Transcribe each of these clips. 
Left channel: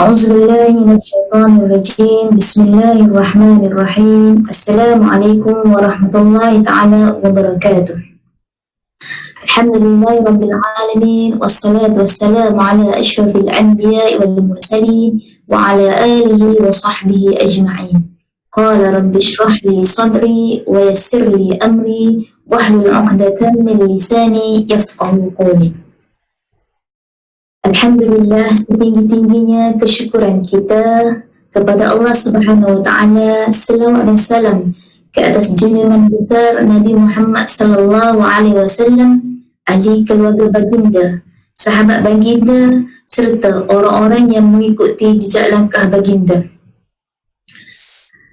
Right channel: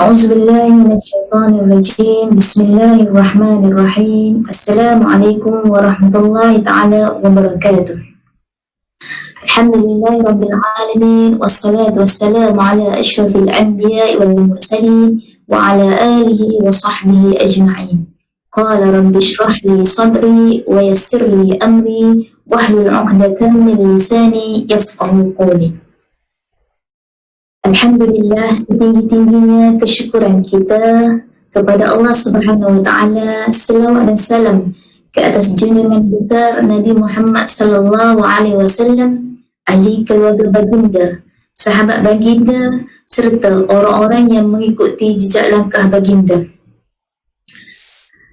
أعوذ بالله من الشيطان الرجيم. بسم الله الرحمن الرحيم. السلام عليكم ورحمة الله تعالى وبركاته. الحمد لله رب العالمين، والصلاة والسلام على أشرف الأنبياء والمرسلين وعلى آله وصحبه أجمعين. قال رب اشرح لي صدري ويسر لي أمري واحلل عقدة من لساني يفقه قولي. Alhamdulillah, setinggi-tingginya kesyukuran kita kepada Allah Subhanahu wa taala, selawat dan salam ke atas junjungan besar Nabi Muhammad sallallahu alaihi wasallam, ahli keluarga baginda, sahabat baginda serta orang-orang yang mengikuti jejak langkah baginda.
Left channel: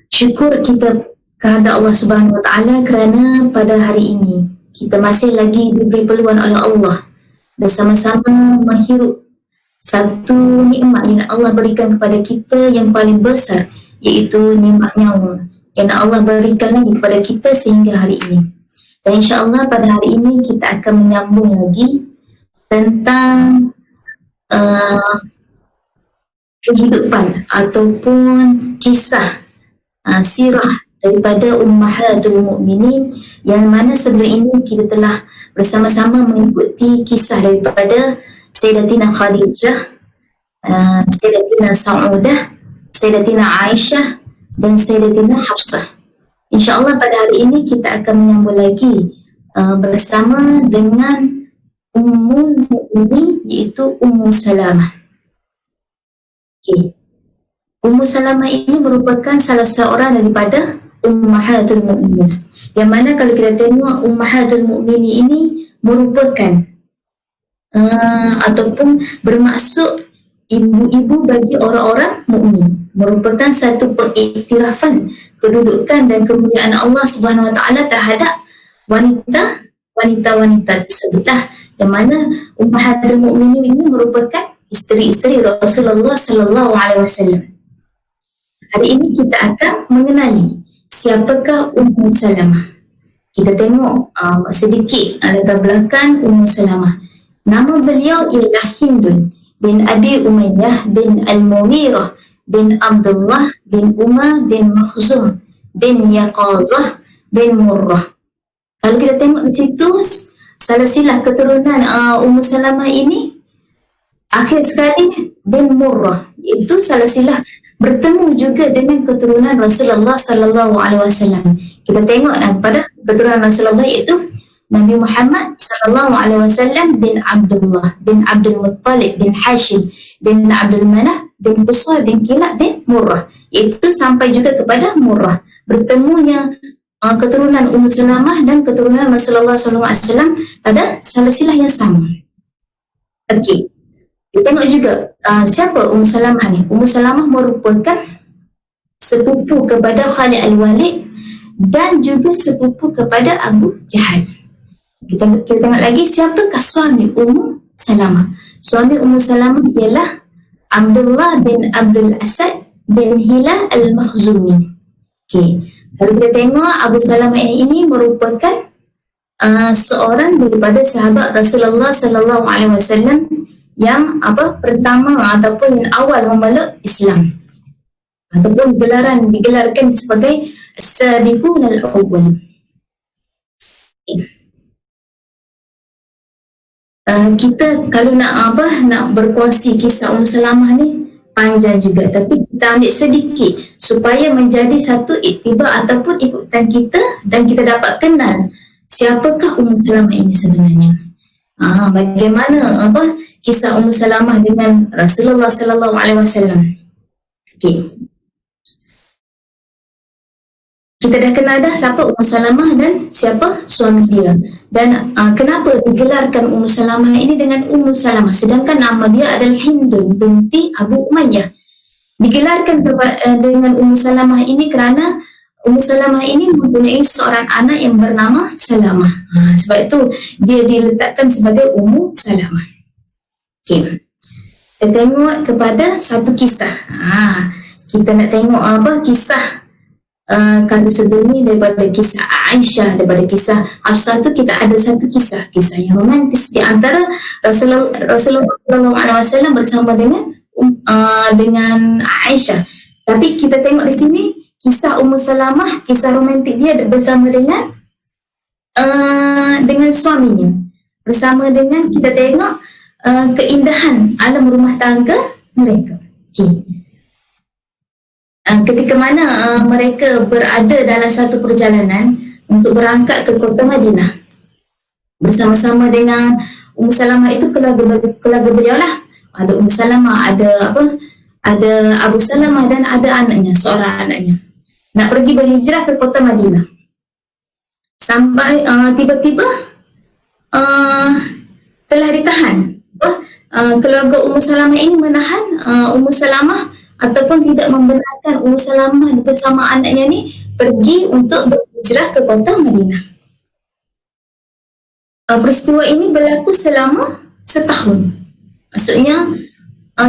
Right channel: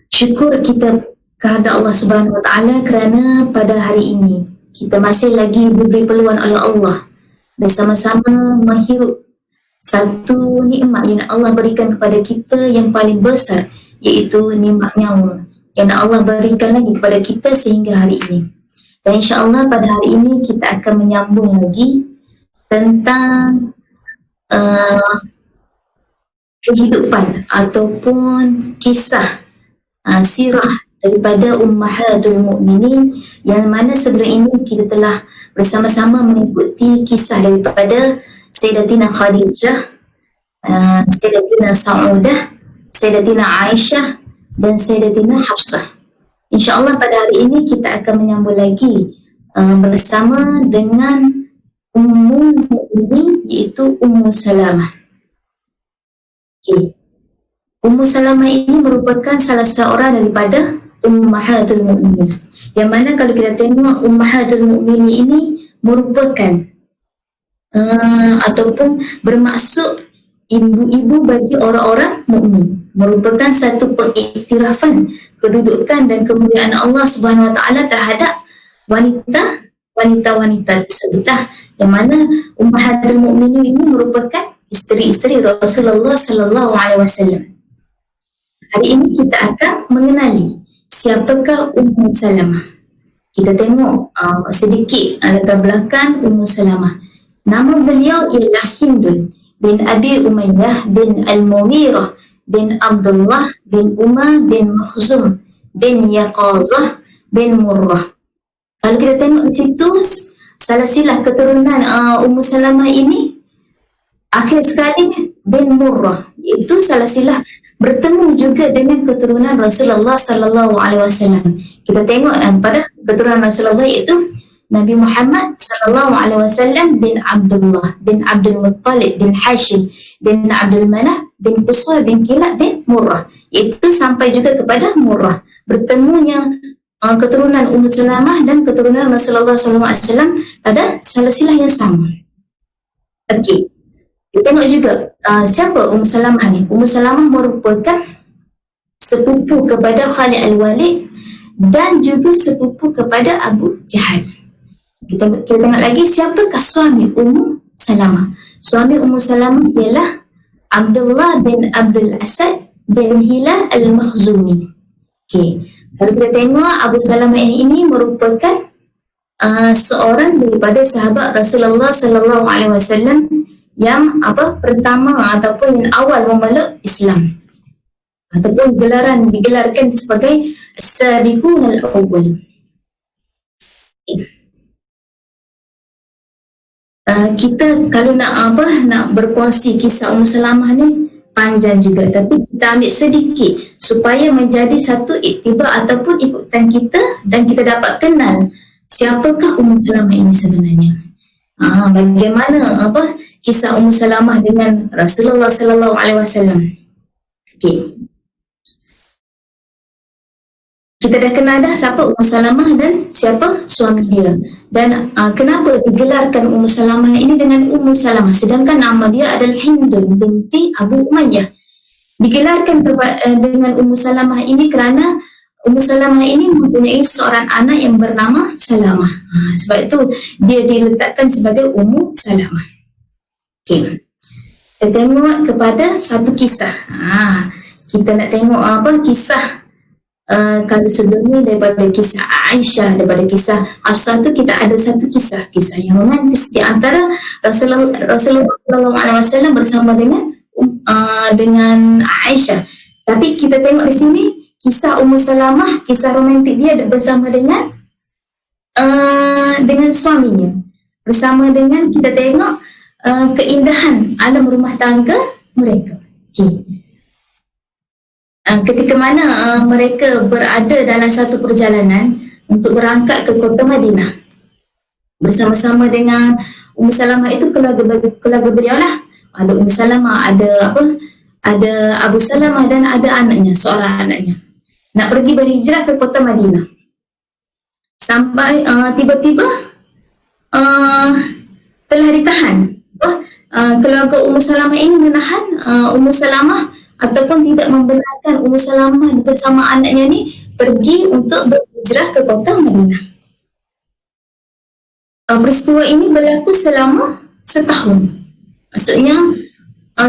Syukur kita kepada Allah Subhanahu wa taala kerana pada hari ini kita masih lagi diberi peluang oleh Allah bersama-sama menghirup satu nikmat yang Allah berikan kepada kita yang paling besar, iaitu nikmat nyawa yang Allah berikan lagi kepada kita sehingga hari ini. Dan insya-Allah pada hari ini kita akan menyambung lagi tentang kehidupan ataupun kisah sirah daripada Ummahatul Mukminin, yang mana sebelum ini kita telah bersama-sama mengikuti kisah daripada Sayyidatina Khadijah, Sayyidatina Saudah, Sayyidatina Aisyah dan Sayyidatina Hafsah. InsyaAllah pada hari ini kita akan menyambung lagi bersama dengan Ummul Mukminin, iaitu Ummu Salamah. Okay. Ummu Salamah ini merupakan salah seorang daripada Ummahatul Mukminin, yang mana kalau kita tengok Ummahatul Mukminin ini merupakan ataupun bermaksud ibu-ibu bagi orang-orang mukmin, merupakan satu pengiktirafan kedudukan dan kemuliaan Allah Subhanahu wa taala terhadap wanita-wanita tersebutlah, yang mana Ummahatul Mukminin ini merupakan isteri-isteri Rasulullah sallallahu alaihi wasallam. Hari ini kita akan mengenali siapakah Ummu Salamah. Kita tengok sedikit latar belakang Ummu Salamah. Nama beliau ialah Hindun bin Abi Umayyah bin Al-Mughirah bin Abdullah bin Umar bin Makhzum bin Yaqazah bin Murrah. Kalau kita tengok di situ, silsilah keturunan Ummu Salamah ini akhir sekali bin Murrah, iaitu silsilah bertemu juga dengan keturunan Rasulullah sallallahu alaihi wasallam. Kita tengok pada keturunan Rasulullah, iaitu Nabi Muhammad sallallahu alaihi wasallam bin Abdullah bin Abdul Muttalib bin Hashim bin Abdul Manaf bin Qusay bin Kilab bin Murrah. Itu sampai juga kepada Murrah. Bertemunya keturunan Ummu Salamah dan keturunan Rasulullah sallallahu alaihi wasallam pada silsilah yang sama. Okey. Kita tengok juga siapa Ummu Salamah ni. Ummu Salamah merupakan sepupu kepada Khalid Al-Walid dan juga sepupu kepada Abu Jahal. Kita tengok lagi siapakah suami Ummu Salamah. Suami Ummu Salamah ialah Abdullah bin Abdul Asad bin Hilal Al-Makhzumi. Okey. Kalau kita tengok Abu Salamah ini merupakan seorang daripada sahabat Rasulullah sallallahu alaihi wasallam yang pertama ataupun yang awal memeluk Islam, ataupun digelarkan sebagai As-Sabiqun Al-Awwal. Kita kalau nak berkongsi kisah Ummu Salamah ni panjang juga, tapi kita ambil sedikit supaya menjadi satu iktibar ataupun ikutan kita, dan kita dapat kenal siapakah Ummu Salamah ini sebenarnya. Bagaimana kisah Ummu Salamah dengan Rasulullah sallallahu alaihi wasallam. Okey. Kita dah kenal dah siapa Ummu Salamah dan siapa suami dia. Dan kenapa digelarkan Ummu Salamah ini dengan Ummu Salamah sedangkan nama dia adalah Hindun binti Abu Umayyah. Digelarkan dengan Ummu Salamah ini kerana Ummu Salamah ini mempunyai seorang anak yang bernama Salamah. Sebab itu dia diletakkan sebagai Ummu Salamah. Okey. Kita tengok kepada satu kisah. Kita nak tengok kisah kalau sebelum ni daripada kisah Aisyah, daripada kisah Hafsah tu kita ada satu kisah yang romantis di antara Rasulullah SAW bersama dengan dengan Aisyah. Tapi kita tengok di sini kisah Ummu Salamah, kisah romantik dia bersama dengan suaminya. Bersama dengan kita tengok keindahan alam rumah tangga mereka. Okay. Ketika mana mereka berada dalam satu perjalanan untuk berangkat ke kota Madinah bersama-sama dengan Ummu Salamah, itu keluarga beliau lah. Ada Ummu Salamah, ada Abu Salamah dan ada anaknya, seorang anaknya. Nak pergi berhijrah ke kota Madinah. Sampai tiba-tiba telah ditahan. Keluarga Ummu Salamah ini menahan Ummu Salamah ataupun tidak membenarkan Ummu Salamah bersama anaknya ni pergi untuk berhijrah ke kota Madinah. Peristiwa ini berlaku selama setahun. Maksudnya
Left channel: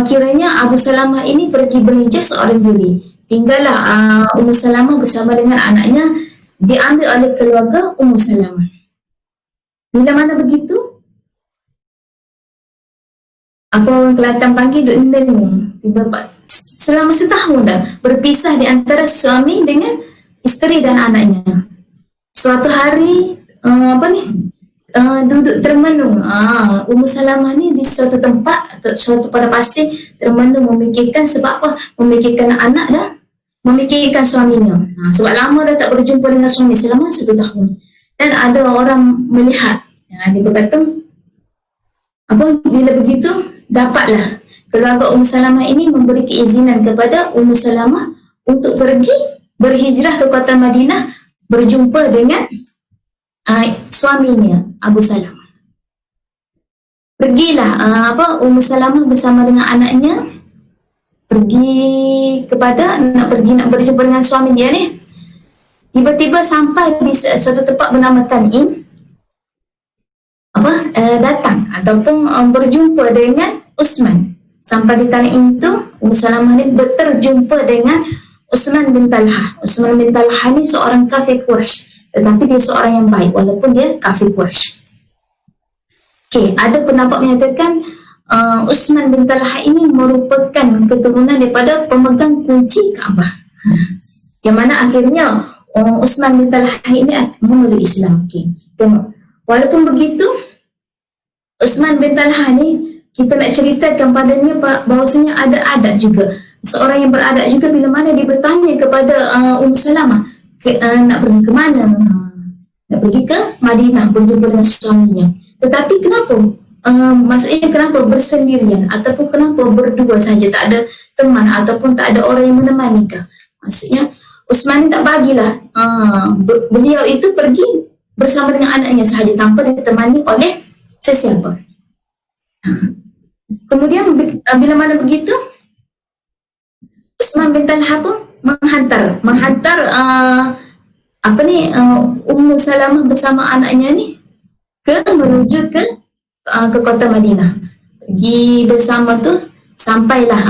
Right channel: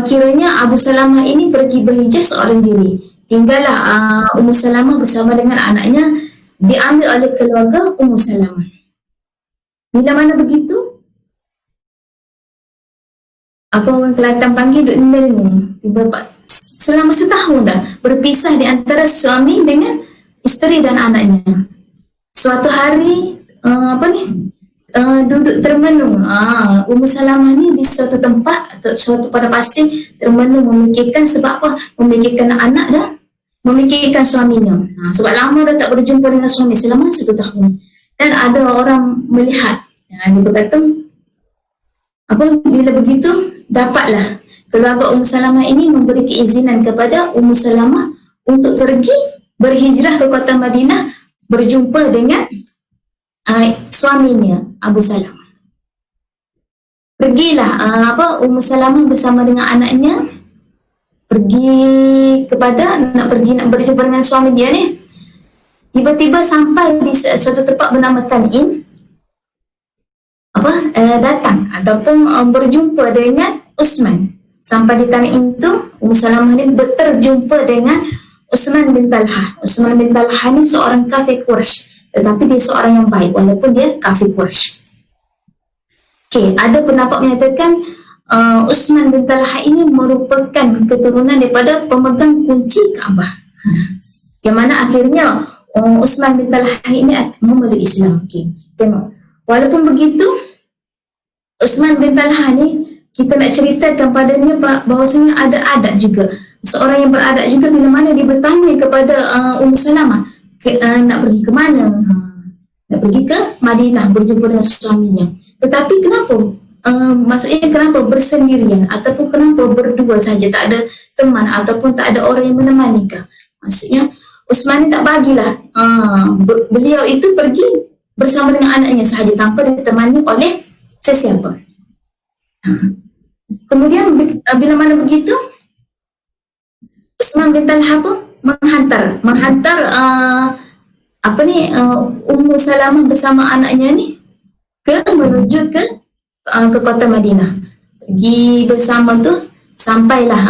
kiranya Abu Salamah ini pergi berhijrah seorang diri. Tinggallah Ummu Salamah bersama dengan anaknya diambil oleh keluarga Ummu Salamah. Bila mana begitu, apa orang Kelantan panggil duk mendengung. Selama setahun dah berpisah di antara suami dengan isteri dan anaknya. Suatu hari duduk termenung. Ummu Salamah ni di suatu tempat atau suatu pada pasir termenung, memikirkan sebab apa? Memikirkan anak dan memikirkan suaminya. Sebab lama dah tak berjumpa dengan suami selama 1 tahun. Dan ada orang melihat. Dia berkata, bila begitu dapatlah keluarga Ummu Salamah ini memberi keizinan kepada Ummu Salamah untuk pergi berhijrah ke kota Madinah berjumpa dengan suaminya Abu Salamah. Pergilah Ummu Salamah bersama dengan anaknya nak berjumpa dengan suami dia ni. Tiba-tiba sampai di suatu tempat bernama Tan'im, datang ataupun berjumpa dengan Utsman. Sampai di Tan'im tu, Ummu Salamah ni berjumpa dengan Utsman bin Talha. Utsman bin Talha ni seorang kafir Quraisy, tetapi dia seorang yang baik walaupun dia kafir Quraisy. Okey, ada pendapat menyatakan Utsman bin Talha ini merupakan keturunan daripada pemegang kunci Kaabah. Yang mana akhirnya Utsman bin Talha ini memeluk Islam. Okey, tengok. Walaupun begitu, Utsman bin Talha ni kita nak ceritakan padanya bahawasanya ada adab juga. Seorang yang beradab juga bila mana dia bertanya kepada Ummu Salamah nak pergi ke mana? Nak pergi ke Madinah berjumpa dengan suaminya. Tetapi kenapa? Maksudnya kenapa bersendirian ataupun kenapa berdua saja, tak ada teman ataupun tak ada orang yang menemani kah? Maksudnya Utsman ni tak bagilah beliau itu pergi bersama dengan anaknya sahaja tanpa ditemani oleh sesiapa. Kemudian bila mana begitu, Utsman bin Talha pun menghantar Ummu Salamah bersama anaknya ni menuju ke kota Madinah. Pergi bersama tu sampailah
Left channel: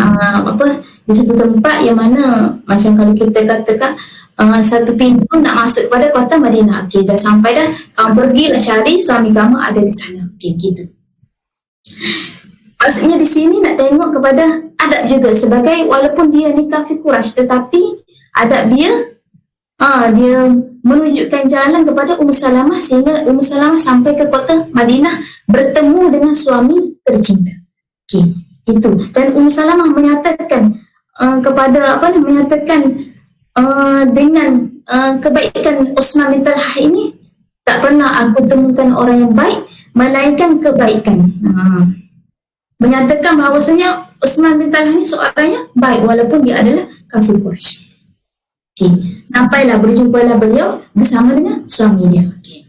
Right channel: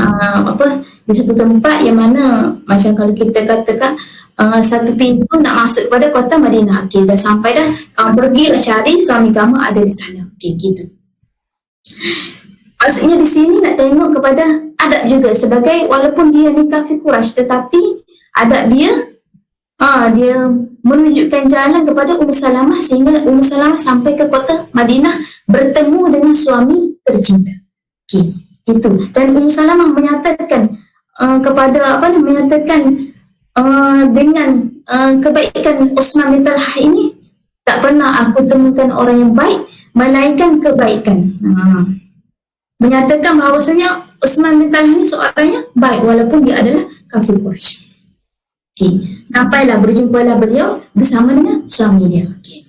di satu tempat yang mana macam kalau kita katakan satu pintu nak masuk kepada kota Madinah. Okey, dah sampai dah, kamu pergilah cari suami kamu ada di sana. Okey, gitu. Maksudnya di sini nak tengok kepada adab juga, sebagai walaupun dia ni kafir Quraisy tetapi adab dia dia menunjukkan jalan kepada Ummu Salamah sehingga Ummu Salamah sampai ke kota Madinah bertemu dengan suami tercinta. Okey, itu. Dan Ummu Salamah menyatakan dengan kebaikan Utsman bin Talha ini, tak pernah aku temukan orang yang baik melainkan kebaikan. Menyatakan bahawasanya Utsman bin Talha ini seorang yang baik walaupun dia adalah kafir Quraisy. Okay. Sampailah berjumpalah beliau bersama dengan suami dia. Okay.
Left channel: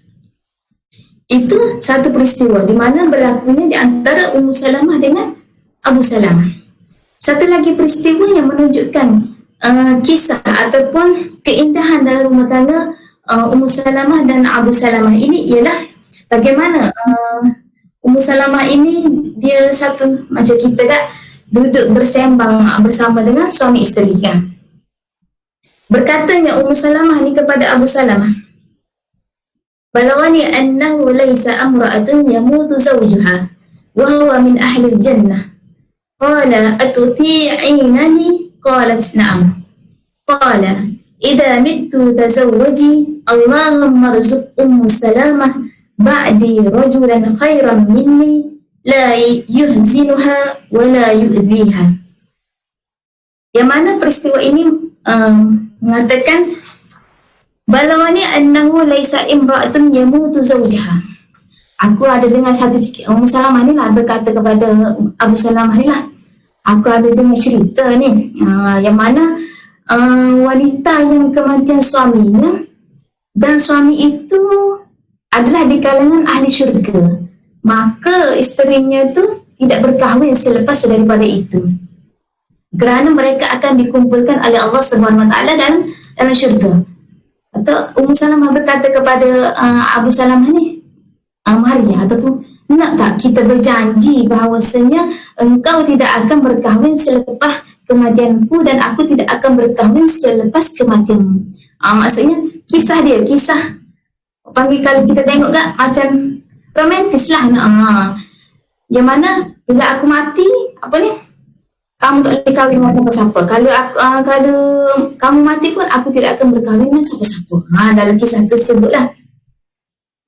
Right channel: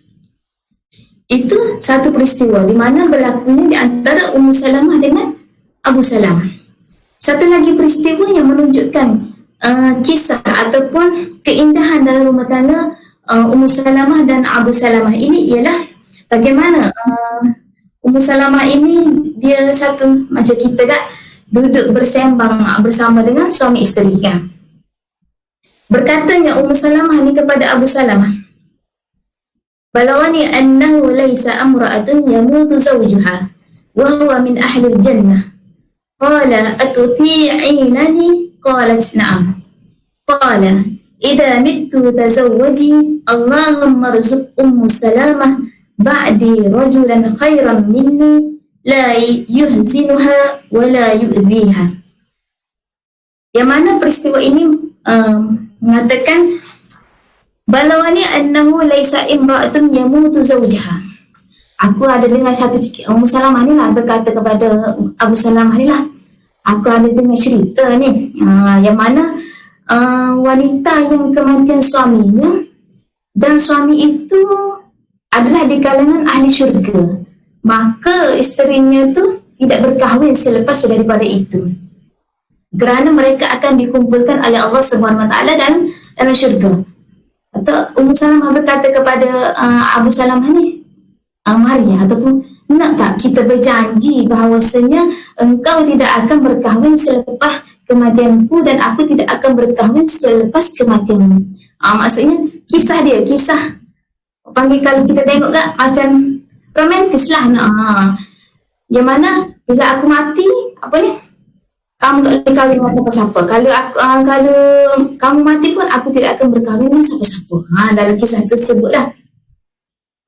Itu satu peristiwa di mana berlakunya di antara Ummu Salamah dengan Abu Salamah. Satu lagi peristiwa yang menunjukkan kisah ataupun keindahan dalam rumah tangga Ummu Salamah dan Abu Salamah ini ialah bagaimana Ummu Salamah ini dia satu macam kita kan duduk bersembang bersama dengan suami isteri kan. Berkatanya Ummu Salamah ni kepada Abu Salamah, balawani annahu laysa amra'atun yamutu zawjuha wa huwa min ahli al-jannah Qala atuti'inani? Qalat na'am. Qala idza mittu tazawwaji Allahumma rzuq Salamah ba'di rajulan khairan minni la yuhzinuha wa la yu'dhiha. Yang mana peristiwa ini mengatakan balawani annahu laisa imra'atun yamutu zawjaha. Aku ada dengar satu Ummu Salamah ni lah berkata kepada Abu Salamah ni lah, aku ada dengar cerita ni yang mana wanita yang kematian suaminya dan suami itu adalah di kalangan ahli syurga, maka isterinya tu tidak berkahwin selepas daripada itu, kerana mereka akan dikumpulkan oleh Allah Subhanahu Wa Taala dalam syurga. Atau Ummu Salamah berkata kepada Abu Salamah ni, Maria, ataupun nak tak kita berjanji bahawasanya engkau tidak akan berkahwin selepas kematianku dan aku tidak akan berkahwin selepas kematianmu. Maksudnya kisah dia, kisah panggil kalau kita tengok tak macam romantis lah. Yang mana bila aku mati, apa ni, kamu tak boleh kahwin dengan siapa-siapa. Kalau kalau kamu mati pun aku tidak akan berkahwin dengan siapa-siapa. Dalam kisah tu sebutlah.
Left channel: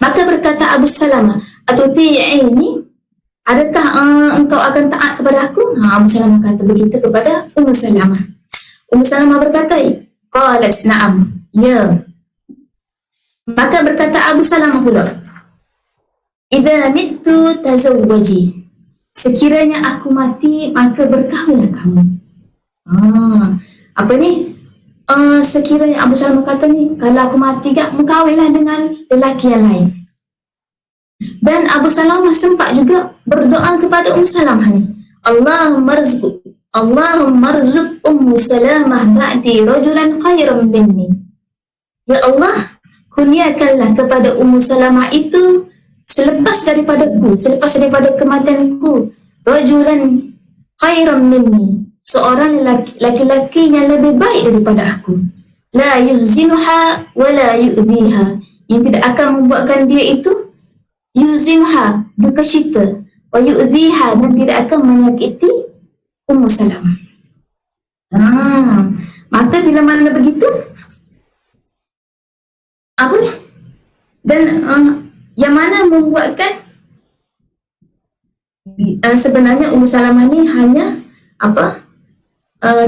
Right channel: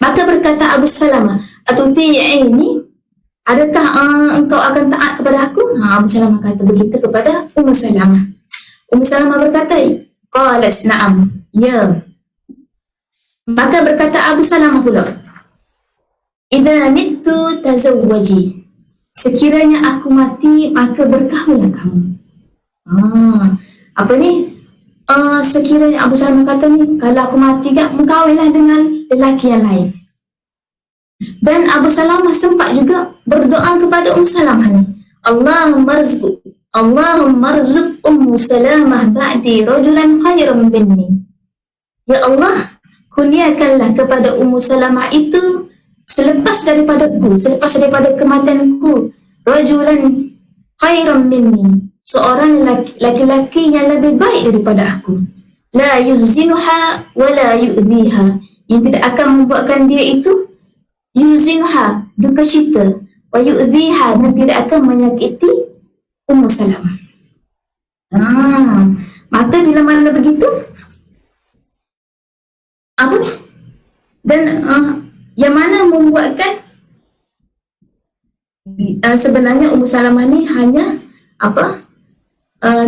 Maka berkata Abu Salamah, atuti'ini, adakah engkau akan taat kepada aku? Abu Salamah kata begitu kepada Ummu Salamah. Ummu Salamah berkata, qalat na'am, ya. Maka berkata Abu Salamah pula, idza mittu tazawwaji, sekiranya aku mati maka berkahwinlah kamu. Apa ni? Sekiranya Abu Salamah kata ni, kalau aku mati tak, mengkahwinlah dengan lelaki yang lain. Dan Abu Salamah sempat juga berdoa kepada Salamah ni, Allahumma rzuq Salamah ba'di rajulan khairan minni. Ya Allah, kurniakanlah kepada Salamah itu selepas daripada kematianku, rajulan khairan minni, seorang laki-laki yang lebih baik daripada aku, la yuhzinuha wa la yu'dhiha, yang tidak akan membuatkan dia itu yuhzinuha, duka cita, wa yu'dhiha, dan tidak akan menyakiti Ummu Salamah. Maka bila mana begitu, apa ni, dan yang mana membuatkan sebenarnya Ummu Salamah ni hanya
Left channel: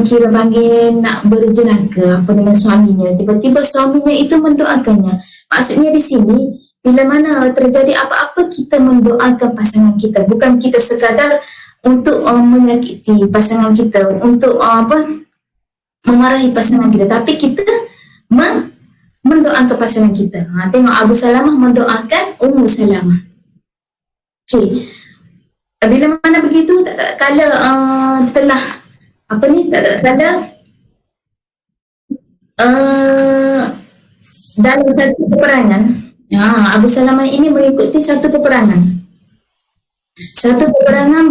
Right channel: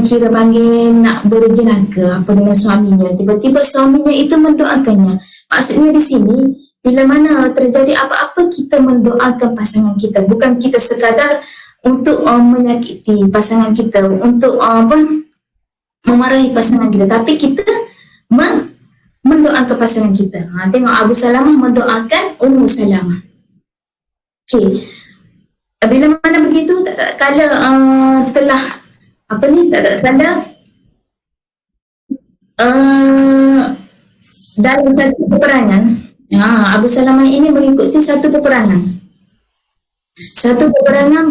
kira panggil nak berjenaka dengan suaminya. Tiba-tiba suaminya itu mendoakannya. Maksudnya di sini, bila mana terjadi apa-apa, kita mendoakan pasangan kita. Bukan kita sekadar untuk menyakiti pasangan kita, untuk memarahi pasangan kita, tapi kita mendoakan pasangan kita. Tengok Abu Salamah mendoakan Ummu Salamah. Okay. Bila mana begitu, tak kala telah kala dalam satu peperangan, Abu Salamah ini mengikuti satu peperangan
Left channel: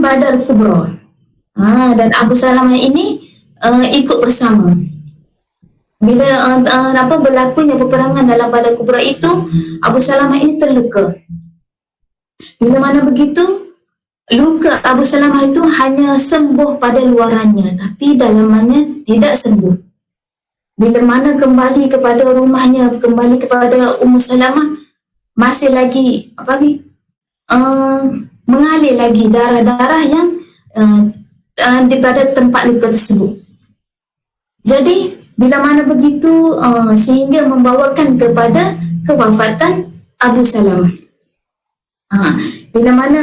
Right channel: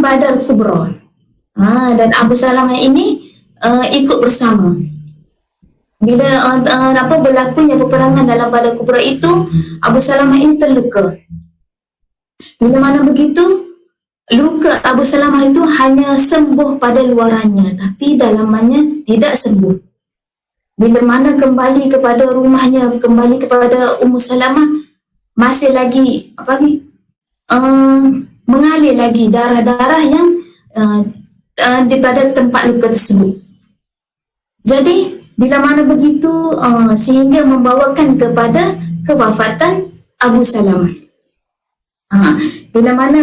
Badar Kubra. Dan Abu Salamah ini ikut bersama. Bila berlakunya peperangan dalam Badar Kubra itu, Abu Salamah ini terluka. Bila mana begitu, luka Abu Salamah itu hanya sembuh pada luarannya, tapi dalamannya tidak sembuh. Bila mana kembali kepada rumahnya, kembali kepada Ummu Salamah, masih lagi mengalir lagi darah-darah yang daripada tempat luka tersebut. Jadi bila mana begitu, sehingga membawakan kepada kewafatan Abu Salamah. Bila mana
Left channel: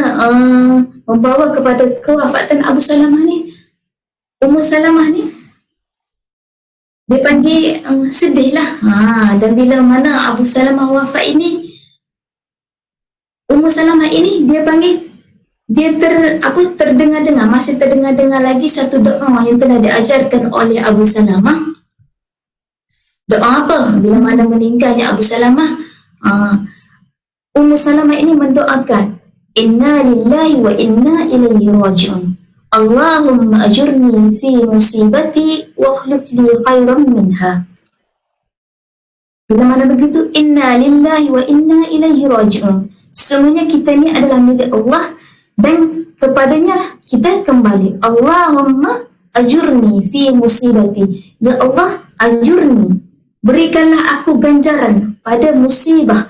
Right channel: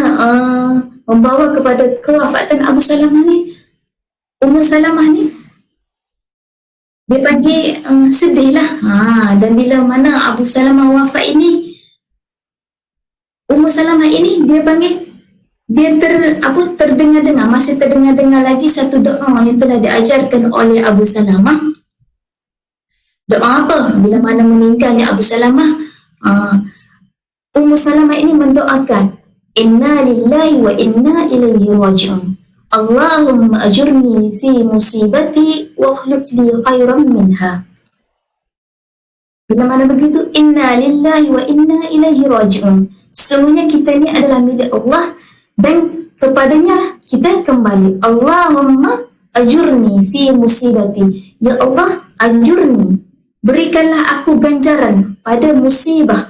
membawa kepada kewafatan Abu Salamah ni, Ummu Salamah ni dia panggil sedih lah. Dan bila mana Abu Salamah wafat ini, Ummu Salamah ini dia panggil, dia terdengar-dengar, masih terdengar-dengar lagi satu doa yang telah diajarkan oleh Abu Salamah. Doa apa? Bila mana meninggalnya Abu Salamah, Ummu Salamah ini mendoakan, inna lillahi wa inna ilaihi raji'un, Allahumma ajurni fi musibati wa akhlif li khairan minha. Bila mana begitu, inna lillahi wa inna ilaihi raji'un, sesungguhnya kita ni adalah milik Allah dan kepadanya kita kembali. Allahumma ajurni fi musibati. Ya Allah, ajurni, berikanlah aku ganjaran pada musibah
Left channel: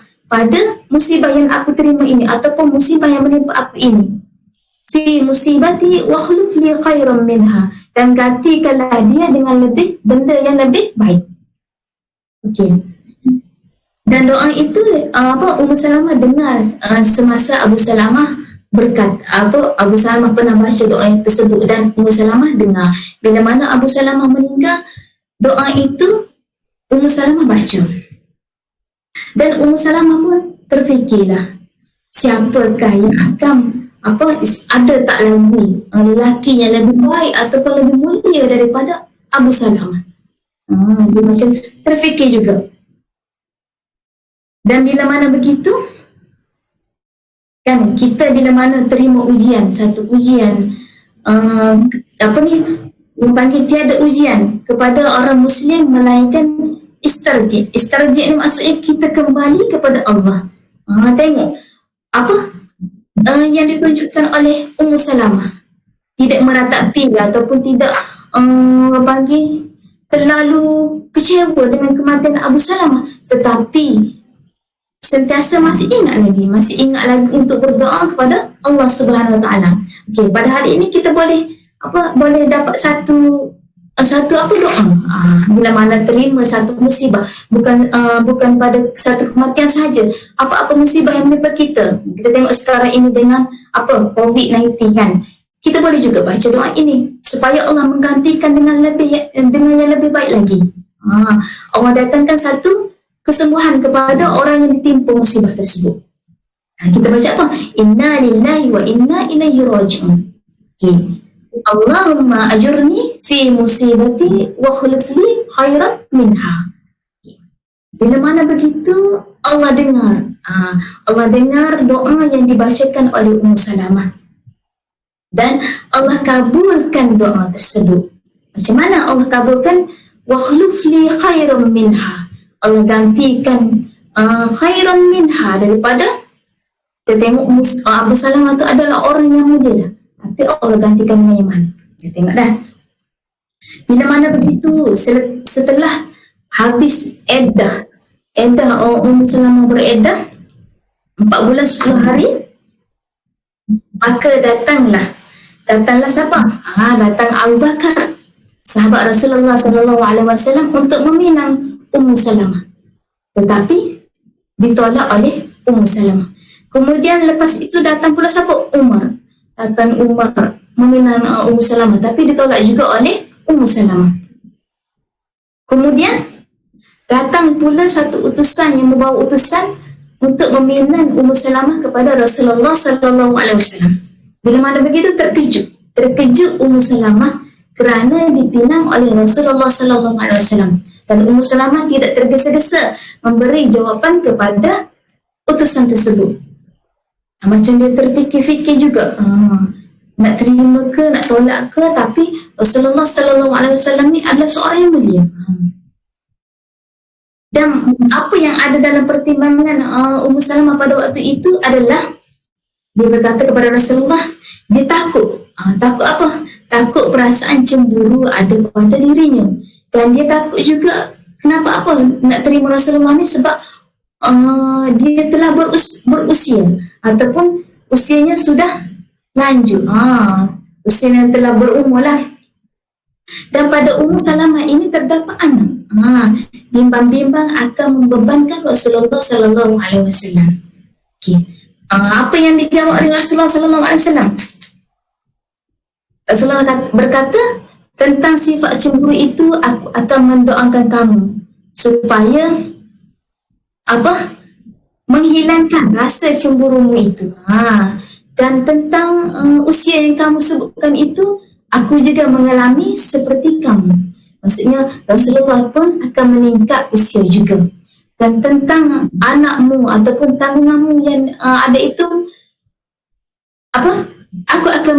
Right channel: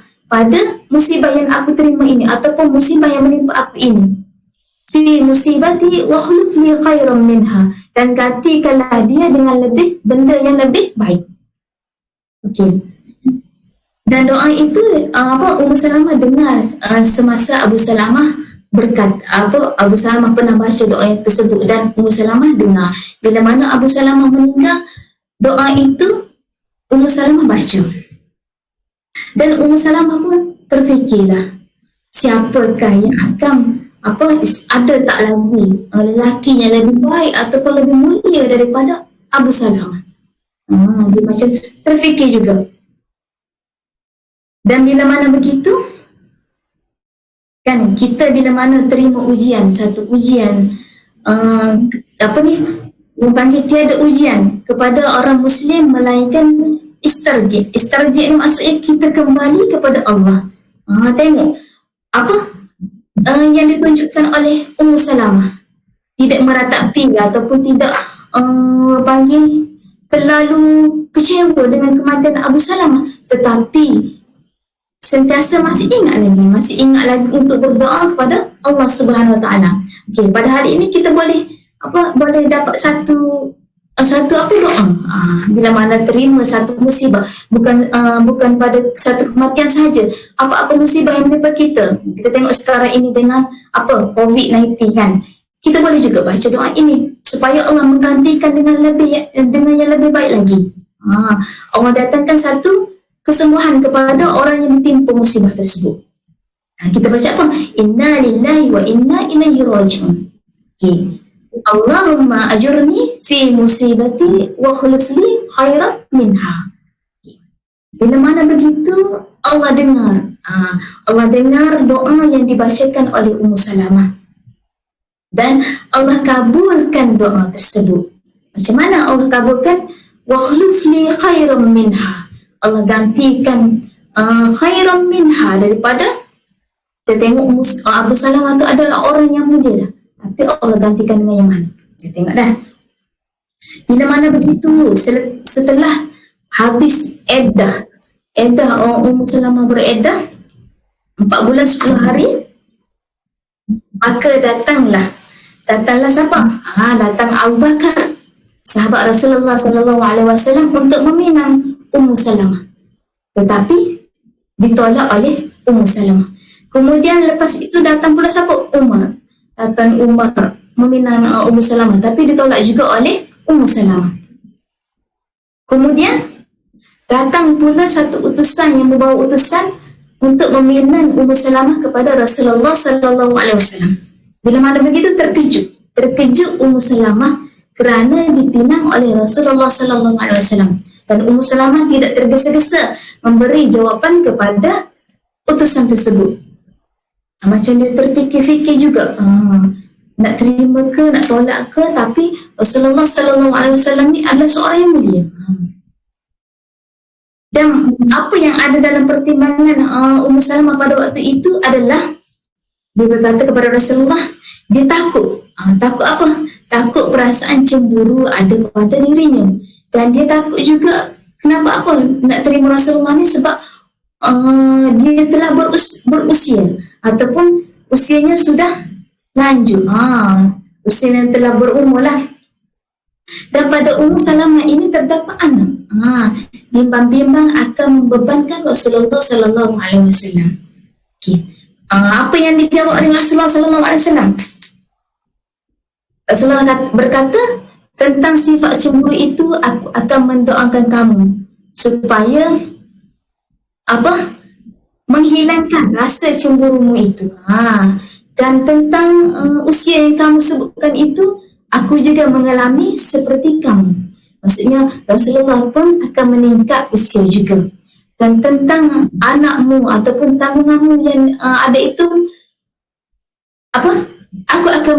yang aku terima ini, ataupun musibah yang menimpa aku ini. Fi musibati wa khuluf li khairan minha, dan gantikanlah dia dengan benda yang lebih baik. Okey. Dan doa itu Ummu Salamah dengar semasa Abu Salamah Abu Salamah pernah baca doa tersebut, dan Ummu Salamah dengar. Bila mana Abu Salamah meninggal, doa itu Ummu Salamah baca. Dan Ummu Salamah pun terfikirlah, siapakah yang akan ada tak lagi lelaki yang lebih baik ataupun lebih mulia daripada Abu Salamah. Dia macam terfikir juga. Dan bila mana begitu, kan kita bila mana terima ujian, satu ujian, yang panggil tiada ujian kepada orang Muslim melainkan istarji. Istarji ni maksudnya kita kembali kepada Allah. Tengok yang ditunjukkan oleh Ummu Salamah, tidak meratapi ataupun tidak terlalu kecewa dengan kematian Abu Salamah, tetapi sentiasa masih ingat lagi untuk berdoa kepada Allah Subhanahu Wa Taala. Okey, pada hari ini kita boleh dapat satu doa. Bila mana terima satu musibah, bukan pada satu kematian sahaja, apa-apa musibah yang menimpa kita. Kita tengok sekarang ini dengan COVID-19 kan. Kita boleh juga baca doa ini supaya Allah menggantikan dengan yang lebih baik lagi. Allah datangkan satu kesembuhan kepada orang yang ditimpa musibah tersebut. Kita baca apa? Inna lillahi wa inna ilaihi raji'un. Okay. Allahumma ajurni fi musibati wa khuluf li khairan minha. Bila mana begitu, Allah dengar doa yang dibacakan oleh Ummu Salamah, dan Allah kabulkan doa tersebut. Macam mana Allah kabulkan? Wa khuluf li khairan minha. Allah gantikan khairan minha, daripada kita tengok Abu Salamah itu adalah orang yang mulia dah, tapi Allah gantikan dengan yang mana. Kita tengok dah. Bila mana begitu, setelah habis iddah Ummu Salamah beriddah 4 bulan 10 hari, maka datanglah siapa? Datang Abu Bakar, sahabat Rasulullah SAW, untuk meminang Ummu Salamah, tetapi ditolak oleh Ummu Salamah. Kemudian lepas itu datang pula siapa? Umar meminang Ummu Salamah, tapi ditolak juga oleh Ummu Salamah. Kemudian datang pula satu utusan yang membawa utusan untuk meminang Ummu Salamah kepada Rasulullah SAW. Bila mana begitu, terkejut Ummu Salamah kerana dipinang oleh Rasulullah SAW. Dan Ummu Salamah tidak tergesa-gesa memberi jawapan kepada utusan tersebut. Macam dia terfikir-fikir juga, nak terima ke, nak tolak ke, tapi Rasulullah SAW ni adalah seorang yang mulia. Dan apa yang ada dalam pertimbangan Ummu Salamah pada waktu itu adalah, dia berkata kepada Rasulullah, dia takut. Takut apa? Takut perasaan cemburu ada pada dirinya. Dan dia takut juga, kenapa nak terima Rasulullah ni, sebab dia telah berusia ataupun usianya sudah lanjut. Usianya telah berumur lah. Dan pada Ummu Salamah ini terdapat anak. Bimbang-bimbang akan membebankan Rasulullah SAW. Okay. Apa yang dijawab oleh Rasulullah SAW? Rasulullah berkata, tentang sifat cemburu itu aku akan mendoakan kamu supaya menghilangkan rasa cemburumu itu. Dan tentang usia yang kamu sebutkan itu, aku juga mengalami seperti kamu. Maksudnya Rasulullah pun akan meningkat usia juga. Dan tentang anakmu ataupun tanggunganmu yang ada itu, aku akan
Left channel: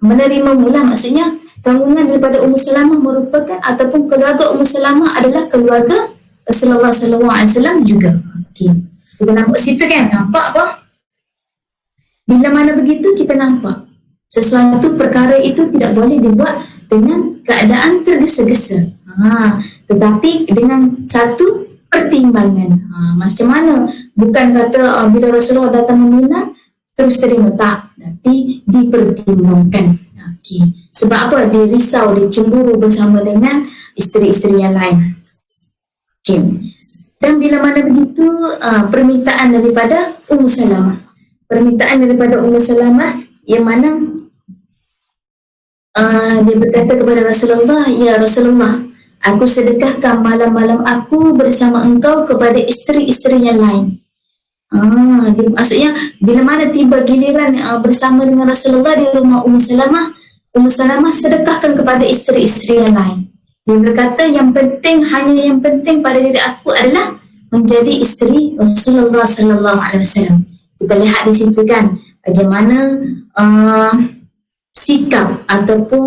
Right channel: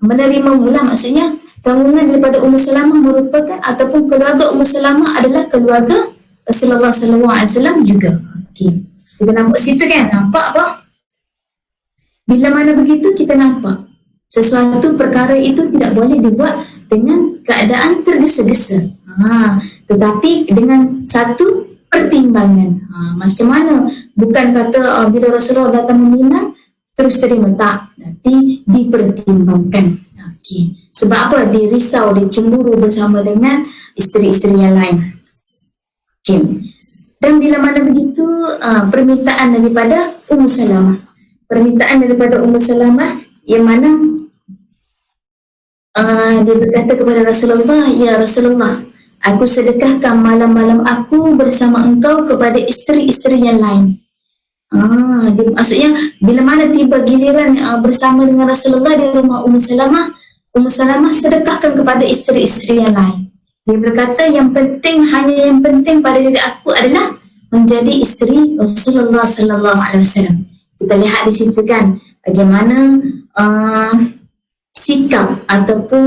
menerimamu lah. Maksudnya tanggungan daripada Ummu Salamah merupakan, ataupun keluarga Ummu Salamah adalah keluarga Rasulullah SAW juga. Okay. Kita nampak situ kan, nampak apa? Bila mana begitu kita nampak sesuatu perkara itu tidak boleh dibuat dengan keadaan tergesa-gesa. Tetapi dengan satu pertimbangan. Macam mana? Bukan kata bila Rasulullah datang meminang terus terima, tak. Tapi dipertimbangkan. Okey. Sebab apa? Dia risau, dia cemburu bersama dengan isteri-isteri yang lain. Okey. Dan bila mana begitu permintaan daripada Ummu Salamah. Permintaan daripada Ummu Salamah yang mana dia berkata kepada Rasulullah, "Ya Rasulullah, aku sedekahkan malam-malam aku bersama engkau kepada isteri-isteri yang lain." Maksudnya bila mana tiba giliran bersama dengan Rasulullah di rumah Ummu Salamah sedekahkan kepada isteri-isteri yang lain. Dia berkata yang penting pada diri aku adalah menjadi isteri Rasulullah sallallahu alaihi wasallam. Kita lihat di situ kan bagaimana sikap ataupun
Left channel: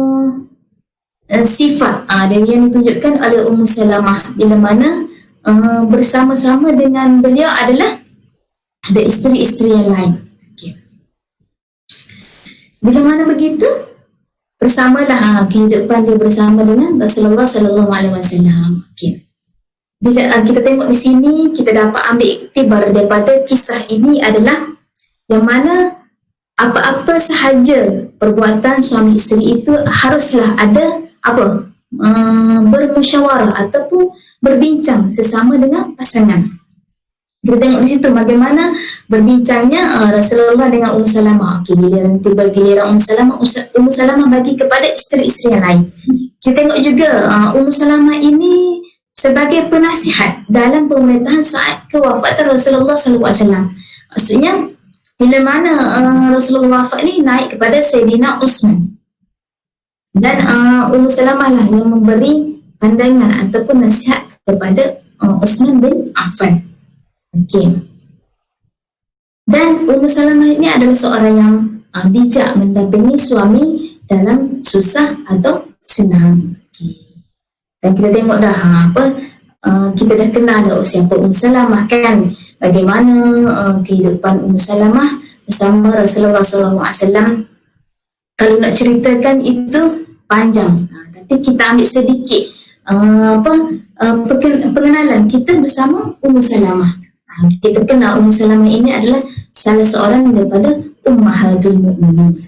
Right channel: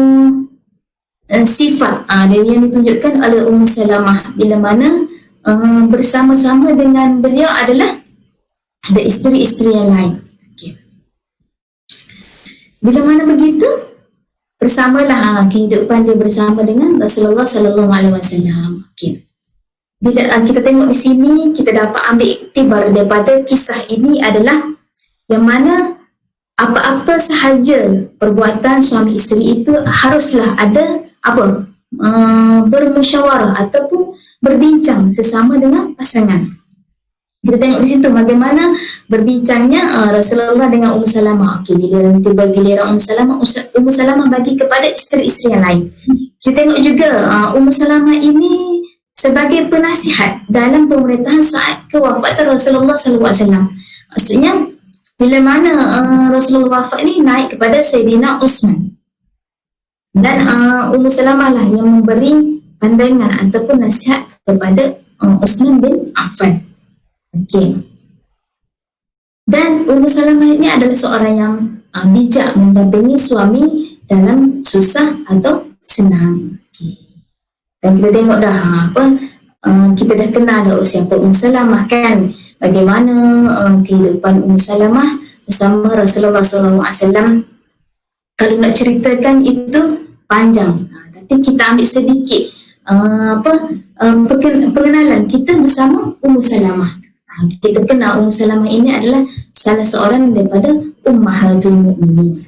sifat yang ditunjukkan oleh Ummu Salamah bila mana bersama-sama dengan beliau adalah ada isteri-isteri yang lain. Okay. Bila mana begitu bersamalah kehidupan dia bersama dengan Rasulullah sallallahu alaihi wasallam. Okay. Bila kita tengok di sini kita dapat ambil iktibar daripada kisah ini adalah yang mana apa-apa sahaja perbuatan suami isteri itu haruslah ada bermusyawarah ataupun berbincang sesama dengan pasangan. Kita tengok di situ bagaimana berbincangnya Rasulullah dengan Ummu Salamah. Okey, tiba giliran Ummu Salamah bagi kepada isteri-isteri yang lain. Kita tengok juga Ummu Salamah ini sebagai penasihat dalam pemerintahan saat kewafatan Rasulullah sallallahu alaihi wasallam. Maksudnya bila mana Rasulullah wafat ni naik kepada Sayyidina Utsman. Dan Ummu Salamah lah yang memberi pandangan ataupun nasihat kepada Utsman bin Affan. Okey. Dan Ummu Salamah ini adalah seorang yang bijak mendampingi suami dalam susah atau senang. Okey. Dan kita tengok dah kita dah kenal dah siapa Ummu Salamah kan. Bagaimana kehidupan Ummu Salamah bersama Rasulullah SAW. Kalau nak ceritakan itu panjang, tapi kita ambil sedikit pengenalan kita bersama Ummu Salamah. Kita kenal Ummu Salamah ini adalah salah seorang daripada Ummahatul Mukminin.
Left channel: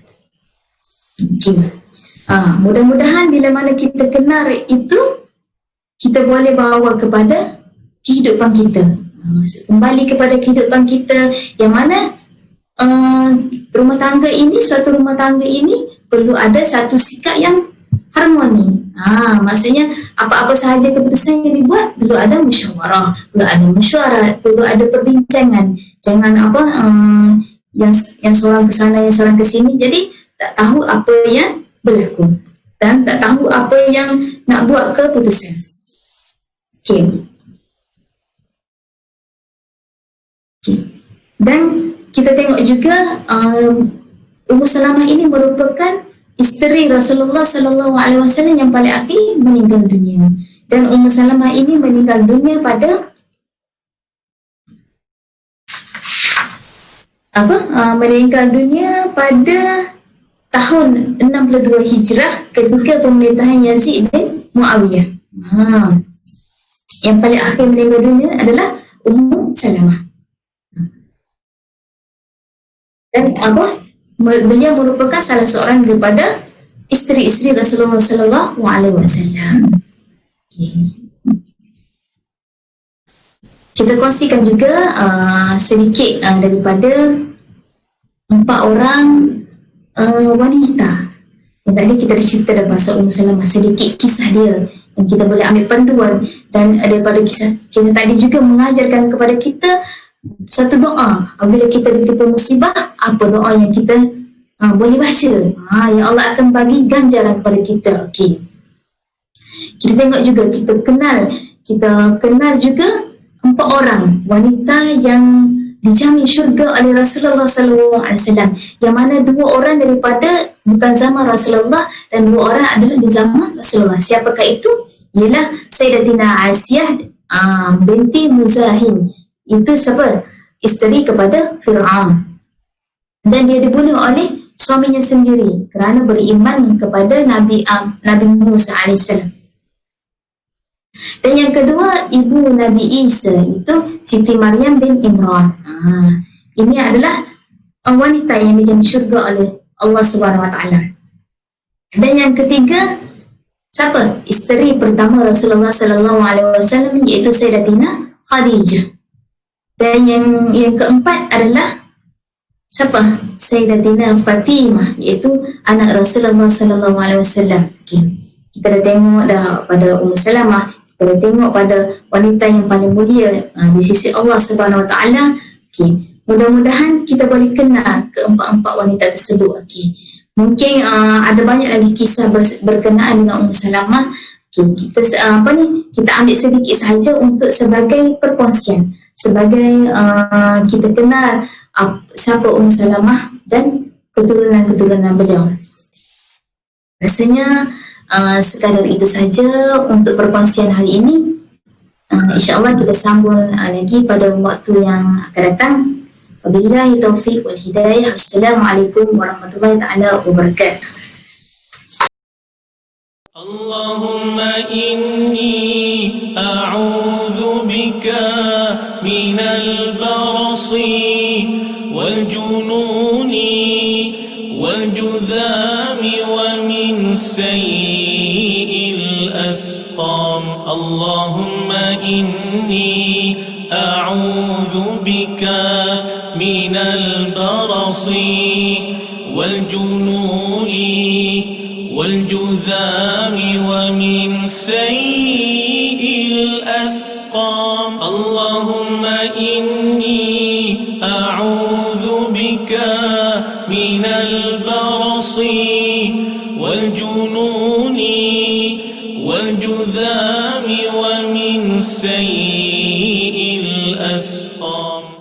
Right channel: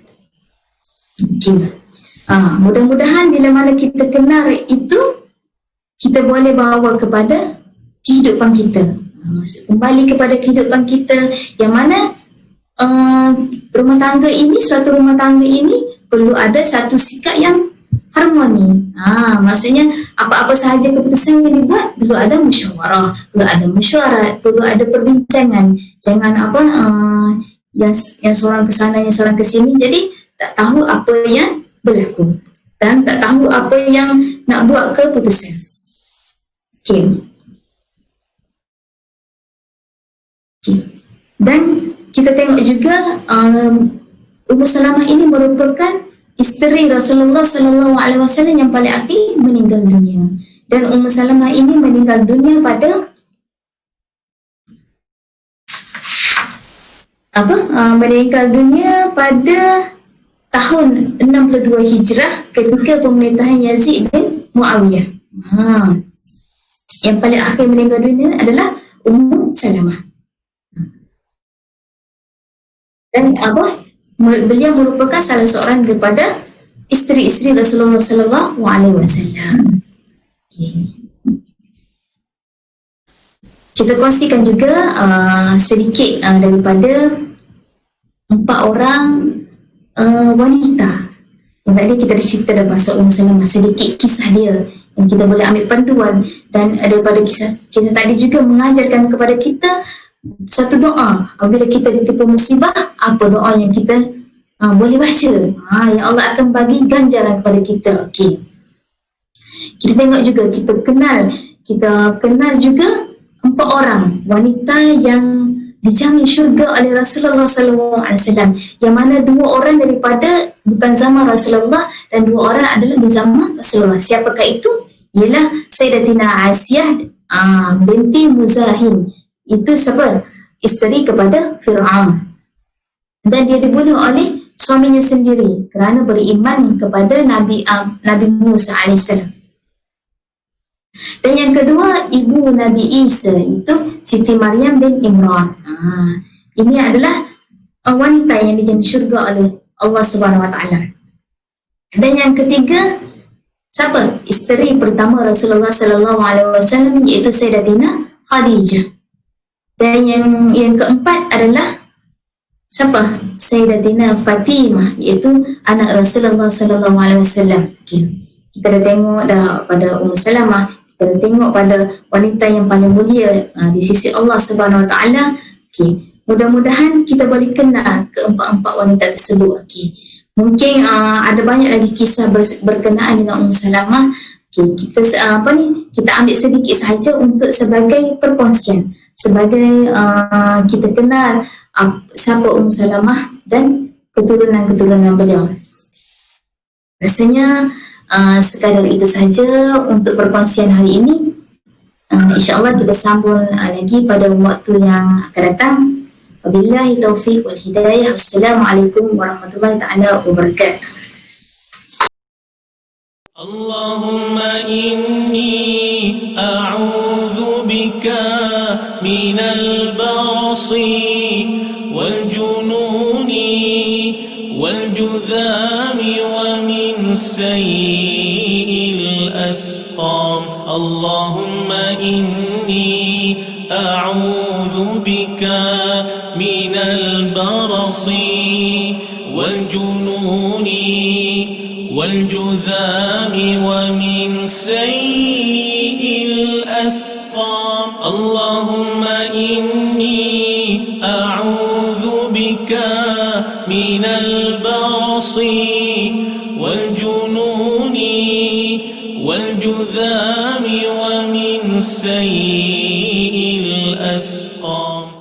Mudah-mudahan bila mana kita kenal itu kita boleh bawa kepada kehidupan kita. Kembali kepada kehidupan kita yang mana suatu rumah tangga ini perlu ada satu sikap yang harmoni. Maksudnya apa-apa sahaja keputusan yang dibuat perlu ada musyawarah, perlu ada mesyuarat, perlu ada perbincangan. Jangan yang seorang ke sana, yang seorang ke sini, jadi tak tahu apa yang berlaku dan tak tahu apa yang nak buat keputusan. Okey. Dan kita tengok juga Ummu Salamah ini merupakan isteri Rasulullah sallallahu alaihi wasallam yang paling akhir meninggal dunia. Dan Ummu Salamah ini meninggal dunia pada meninggal dunia pada tahun 62 Hijrah ketika pemerintahan Yazid bin Muawiyah. Yang paling akhir meninggal dunia adalah Ummu Salamah. Dan beliau merupakan salah seorang daripada isteri-isteri Rasulullah sallallahu alaihi wasallam. Kita kongsikan juga sedikit daripada 4 orang wanita. Yang tadi kita dah cerita dah pasal Ummu Salamah, sedikit kisah dia yang kita boleh ambil panduan, dan daripada kisah tadi juga mengajarkan kepada kita satu doa apabila kita ditimpa musibah, apa doa yang kita boleh baca, yang Allah akan bagi ganjaran kepada kita. Okey. Kita tengok juga, kita kenal juga 4 orang wanita yang dijamin syurga oleh Rasulullah SAW, yang mana 2 orang daripada bukan zaman Rasulullah dan 2 orang adalah di zaman Rasulullah. Siapakah itu? Ialah Sayyidatina Asiyah binti Muzahin. Itu siapa? Isteri kepada Fir'aun. dan dia dibunuh oleh suaminya sendiri kerana beriman kepada Nabi Musa AS. Dan yang kedua, ibu Nabi Isa itu Siti Maryam bin Imran. Ini adalah wanita yang dijamin syurga oleh Allah Subhanahu Wa Taala. Dan yang ketiga, siapa? Isteri pertama Rasulullah Sallallahu Alaihi Wasallam, iaitu Sayyidatina Khadijah. Dan yang keempat adalah siapa? Sayyidatina Fatimah, iaitu anak Rasulullah Sallallahu Alaihi Wasallam. Kita dah tengok dah pada Ummu Salamah, kita dah tengok pada wanita yang paling mulia di sisi Allah Subhanahu Wa Taala. Mudah-mudahan kita boleh kenal keempat-empat wanita tersebut. Mungkin ada banyak lagi kisah berkenaan dengan Ummu Salamah. Kita ambil sedikit sahaja untuk sebagai perkongsian, sebagai kita kenal siapa Ummu Salamah dan keturunan-keturunan beliau. Rasanya sekadar itu saja untuk perkongsian hari ini. InsyaAllah kita sambung lagi pada waktu yang akan datang. Wabillahi taufiq wal hidayah. Wassalamualaikum warahmatullahi ta'ala wabarakatuh. Allahumma inni a'udhu bika minal barasi wal jununi wal judhami wa min sayyi'il asqam. Allahumma inni a'udhu bika minal barasi wal jununi والجذام ومن سيء الأسقام. اللهم إني أعوذ بك من البرص والجنون والجذام ومن سيء الأسقام.